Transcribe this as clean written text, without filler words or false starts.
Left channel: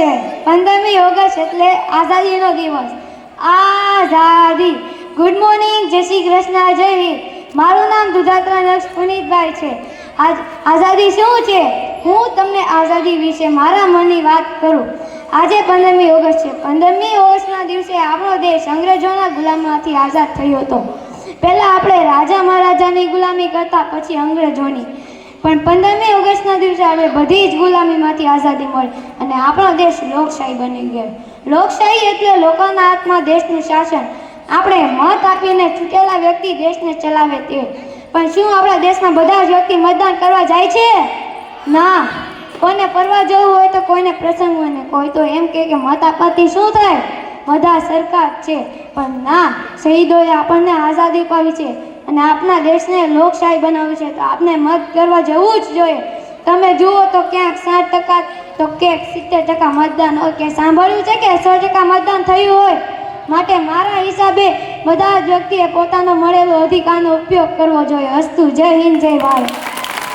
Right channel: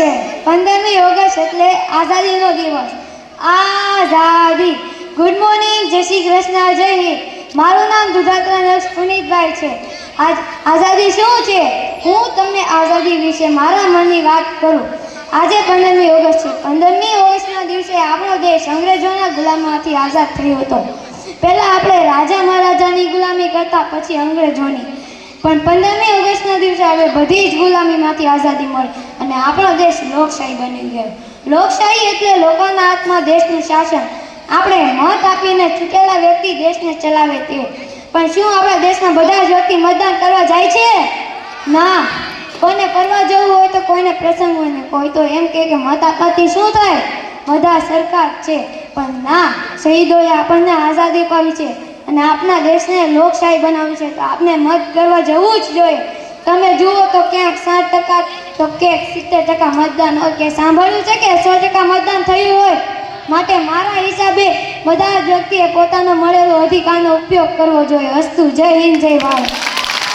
છે 15મી ઓગસ્ટ એટલે આઝાદીનો દિવસ. આઝાદી. ગુડ મોર્નિંગ, જય શ્રી કૃષ્ણ, જય હિન્દ. મારું નામ દુધાત્રા પુનિતભાઈ છે. આઝાદી શું છે? હું તમને આઝાદી વિશે મારા મનની વાત કરું. આજે 15મી ઓગસ્ટ છે. 15મી ઓગસ્ટના દિવસે આપણો દેશ અંગ્રેજોના ગુલામમાંથી આઝાદ થયો હતો. પહેલાં આપણે રાજા મહારાજાની ગુલામી કરતા, પછી અંગ્રેજોની. પણ 15મી ઓગસ્ટના દિવસે આપણે બધી જ ગુલામીમાંથી આઝાદી મળી અને આપણો દેશ લોકશાહી બની ગયો. લોકશાહી એટલે લોકોના હાથમાં દેશનું શાસન. આપણે મત આપીને ચૂંટેલા વ્યક્તિ દેશને ચલાવે તે. પણ શું આપણા દેશના બધા જ વ્યક્તિ મતદાન કરવા જાય છે? ના. કોઈને ફરવા જવું હોય તો કોઈને પ્રસંગ હોય ને કોઈ તો એમ કે મત આપવાથી શું થાય, બધા સરકાર છે. પણ ના, શહીદોએ આપણને આઝાદી અપાવી છે અને આપણા દેશને લોકશાહી બનાવી છે, તો આપણે મત કરવા જવું જ જોઈએ. તમે જુઓ તો ક્યાંક 60% તો ક્યાંક 70% મતદાન હોય. કે સાંભળ્યું છે કે 100% મતદાન થયું હોય? માટે મારા હિસાબે બધા જ વ્યક્તિએ પોતાનો મળેલો અધિકારનો ઉપયોગ કરવો જોઈએ. અસ્તુ. જય હિન્દ, જય ભારત.